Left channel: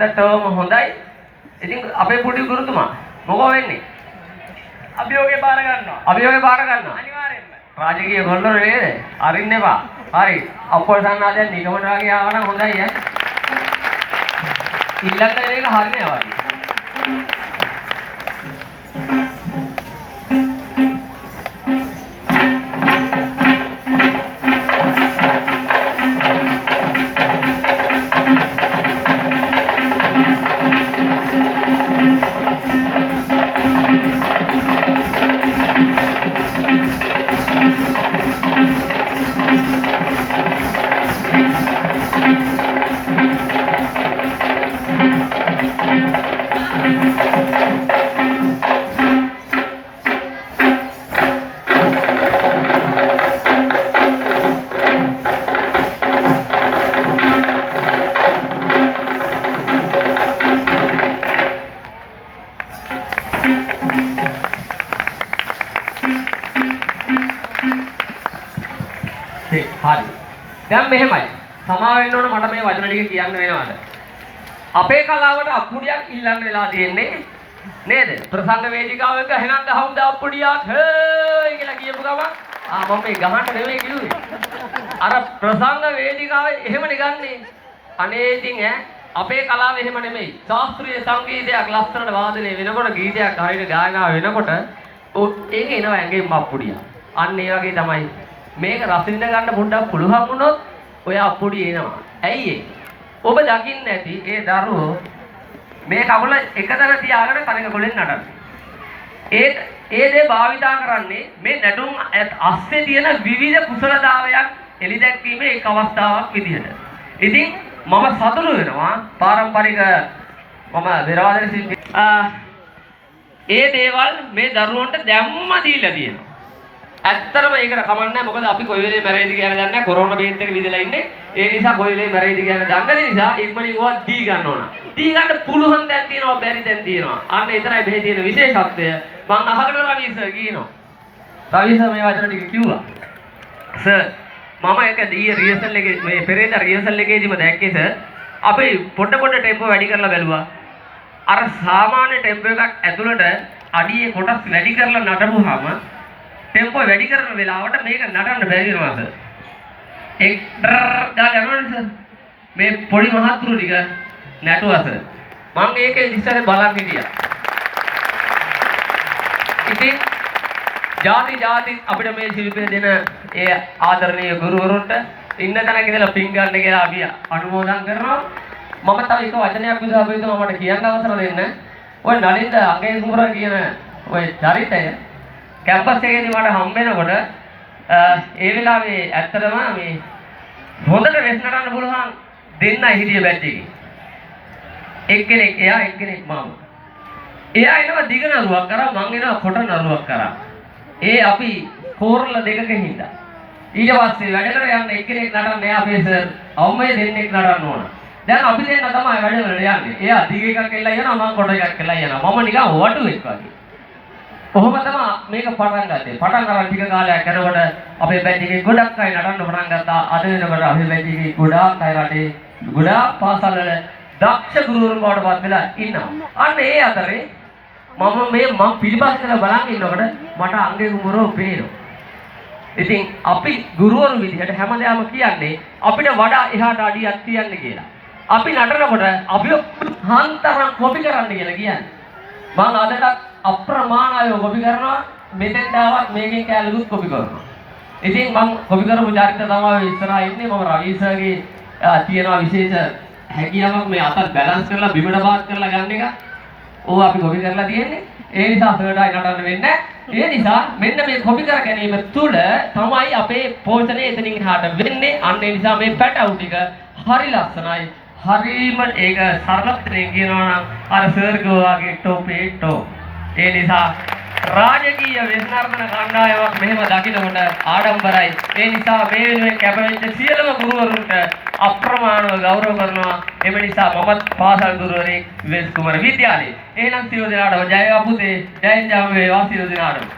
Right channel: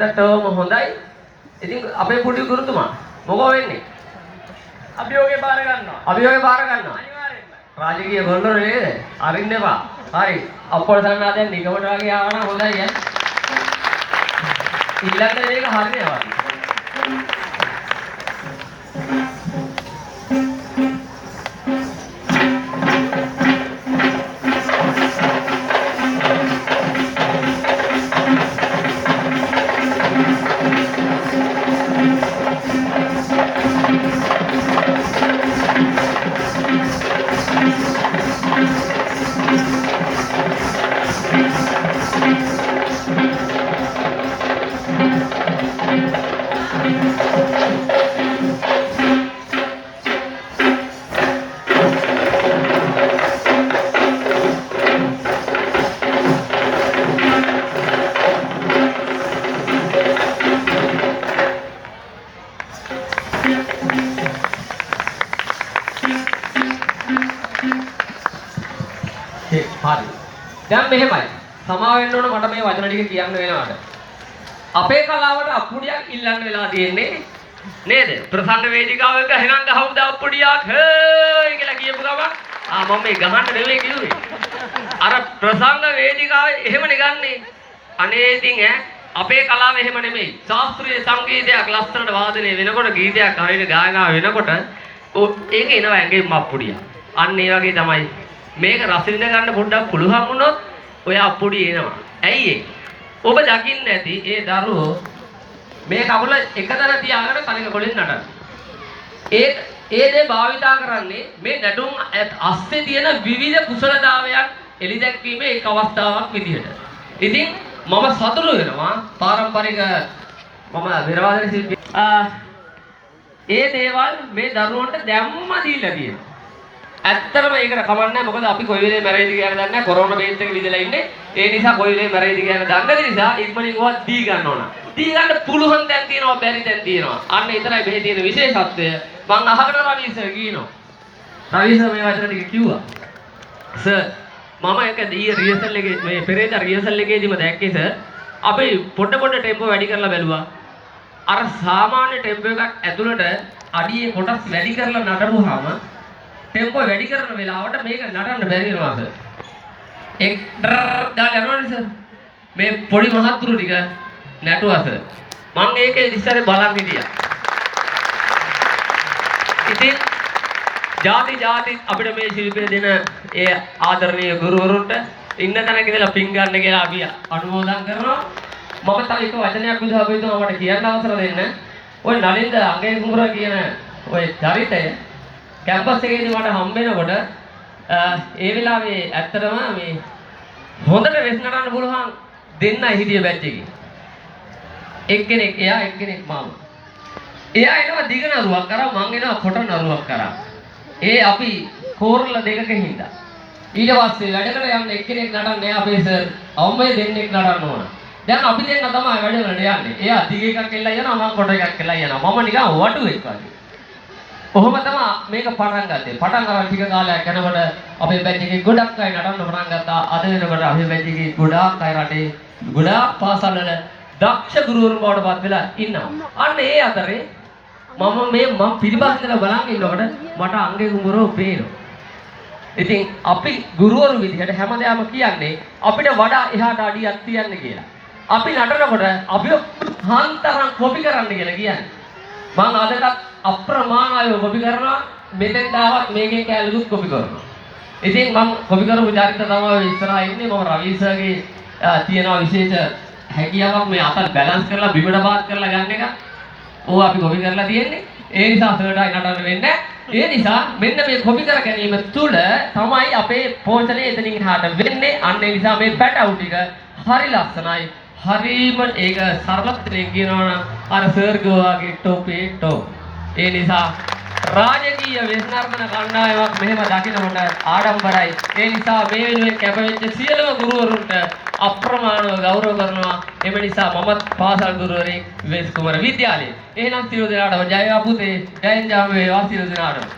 හොඳටම හොඳයි. ඉතින් අපේ පුඩි ගුරුතුමා මොකෝ වෙන්නේ? අභියෝගේ බාර ගන්නවා. අභියෝගේ බාර ගන්නවා. අනිවාර්යෙන්ම. රාජකීය ගොල්ලෝ නේද? අරින්න එපා. හරි. අප්පොල් සන්නා දැන් නිකමට වගේ ආව නම් හොඳයි ඈ. ඊළඟට මේක හරියනවා වගේ. හරි. දැන් මෙහෙමයි. සමා වෙන්න ඕන මට මේ වචන ටික කියන්න වෙනවාද? අපේ කලාවට අප්පුඩියක් ඉල්ලන්න වෙලා තියෙන්නේ නේද? ප්‍රසන්න වේදිකාවක එහෙනම් ගහමුද අප්පුඩියක් හේ කියලා කියපු ගමන් මම මේ ගහන්න නෙවෙයි කිව්වේ. අර ප්‍රසන්න වේදිකාවේ එහෙමනේ ගන්නෙ. අනේ ඉතින් අපේ කලාව එහෙම නෙමෙයි. ශාස්ත්‍රීය සංගීතයක් ලස්සනට වාදනය වෙනකොට ගීතයක් හරියට ගායනා වෙනකොට ඒක එනවා ඇඟෙන් අප්පුඩිය. අන්න ඒ වගේ තමයි මේක රස විඳ ගන්න පොඩ්ඩක් පුළුවන් වුණොත් ඔය අප්පුඩිය එනවා. ඇයි ඒ? ඔබ දකින්න ඇති ඒ දරුවෝ මේ කකුල එකතැන තියාගෙන කනක කොලෙන් නටන. ඒ දේ භාවිතා කරන්නේ මේ නැටුම් අස්සේ තියෙන විවිධ කුසලතාවයක් එළිදැක්වීමේ එක් අවස්ථාවක් විදිහට. ඉතින් මම සතුටු වෙනවා පාරම්පරික මම විරාදන ශිල්පී ඒ දේවල් මේ දරුවන්ට දැම්ම දීලා තියෙනවා. ඇත්තටම ඒකට කමන්නේ මොකද අපි කොයි වෙලේ මැරෙයිද කියලා දන්නේ නැහැ. කොරෝනා බේත් එක විදලා ඉන්නේ. ඒ නිසා කොයි වෙලේ මැරෙයිද කියලා දන්නේ නිසා ඉක්මනින් ඕවා දී ගන්න ඕන. දී ගන්න පුළුවන් දැන් තියෙනවා බැරි දැන් තියෙනවා. අන්න එතරයි මෙහි තියෙන විශේෂත්වය. මම අහකට රවි සර් කියනවා. රවි සර් මේ වචන ටික කිව්වා. සර් මම ඒක දී රිහර්සල් එකේ මේ පෙරේද රිහර්සල් එකේදීම දැක්කේ සර්. අපි පොඩ ටෙම්පෝ වැඩි කරලා බැලුවා. අර සාමාන්‍ය ටෙම්පෝ එකක් ඇතුළට අඩියේ කොටස් වැඩි කරලා නටරුවාම ටෙම්පෝ වැඩි කරන වෙලාවට මේක නටන්න බැරි වෙනවා සර්. එක් ගාලා යනවනේ සර්. මේ පොඩි මහත්තුරු ටික නැටුවා සර්. මම ඒකේ ඉස්සරේ බලන් හිටියා. ඉතින් ಜಾති අපිට මේ ශිල්පින දෙන ඒ ආදරණීය ගුරුවරුන්ට ඉන්න තැනක ඉඳලා පින් ගන්න කියලා අපි අනුමෝදන් කරනවා. මම තව එක වචනයක් විතර අපිට මට කියන්න අවසර දෙන්න. ඔය නලින්ද අංගේ කුමර කියන ඔය චරිතය කැම්පස් එකේදී මට හම්බ වෙනකොට ඒ වෙලාවේ ඇත්තටම මේ හොඳට වෙස් නටන්න පුළුවන් දෙන්නයි හිටියේ බැච් එකේ. එක්කෙනෙක් එයා එක්කෙනෙක් මම. එයා එනවා දිග නරුවක් කරා මං එනවා කොට නරුවක් කරා. ඒ අපි කෝරළ දෙකක හින්දා. ඊට පස්සේ වැඩ කර යන්න එක්කෙනෙක් නටන්නේ අපේ සර්. අවුමයි දෙන්නෙක් නටන්න ඕන. දැන් අපි දෙන්න තමයි වැඩ කරලා යන්නේ. එයා දිග එකක් එල්ලලා යනවා මං කොට එකක් එල්ලලා යනවා. මම නිකන් වටුවෙක් වගේ. කොහොම තමයි මේක පටන් ගත්තේ. පටන් ගන්න ටික කාලයක් යනකොට අපේ බැච් එකේ ගොඩක් අය නටන්න පටන් ගත්තා. අද වෙනකොට අපේ බැච් එකේ ගොඩාක් අය රටේ ගොඩාක් පාසල් වල දක්ෂ ගුරුවරුන් බවට පත් වෙලා ඉන්නවා. අන්න ඒ අතරේ මම පිළිපස්සට බලන් ඉන්නකොට මට අංගේ කුමරෝ පේනවා. ඉතින් අපි ගුරුවරු විදිහට හැමදාම කියන්නේ අපිට වඩා එහාට අඩියක් තියන්න කියලා. අපි නටනකොට අපිව හන්තරන් කොපි කරන්න කියලා කියන්නේ. මම අදට අප්‍රමාණව කොපි කරනවා මෙතෙන් දාවත් මේකෙන් කැලුත් කොපි කරනවා. ඉතින් මම කොපි කරපු චරිත තමයි ඉස්සරහා ඉන්නේ. මම රවි සර්ගේ තියෙනවා විශේෂ හැකියාවක් මේ අතල් බැලන්ස් කරලා බිමට පාත් කරලා ගන්න එක. ඕවා අපි කොපි කරලා තියෙන්නේ. ඒ නිසා සර්ටයි නටන්න වෙන්නේ. ඒ නිසා මෙන්න මේ කොපි කර ගැනීම තුළ තමයි අපේ පෝෂණය එතනින් එහාට වෙන්නේ. අන්න ඒ නිසා මේ පැටවු ටික හරි ලස්සනයි. හරිම ඒක සර්වත්‍රයෙන් කියනවා නම් අර සර් ගෝවාගේ ටොපේ ටොප්. ඒ නිසා රාජකීය වෙස්නර්තන කණ්ඩායමක් මෙහෙම දකින්නකොට ආඩම්බරයි. ඒ නිසා මේ වෙනුවෙන් කැපවෙච්ච සියලුම ගුරුවරුන්ට අප්‍රමාණව ගෞරව කරනවා. එම නිසා මමත් පාසල් ගුරුවරයෙක් වෙස් කුමර විද්‍යාලයේ. එහෙනම් සියලු දෙනාටම ජය අපුතේ ජය ජාම වේවා සියලු දෙනාටම.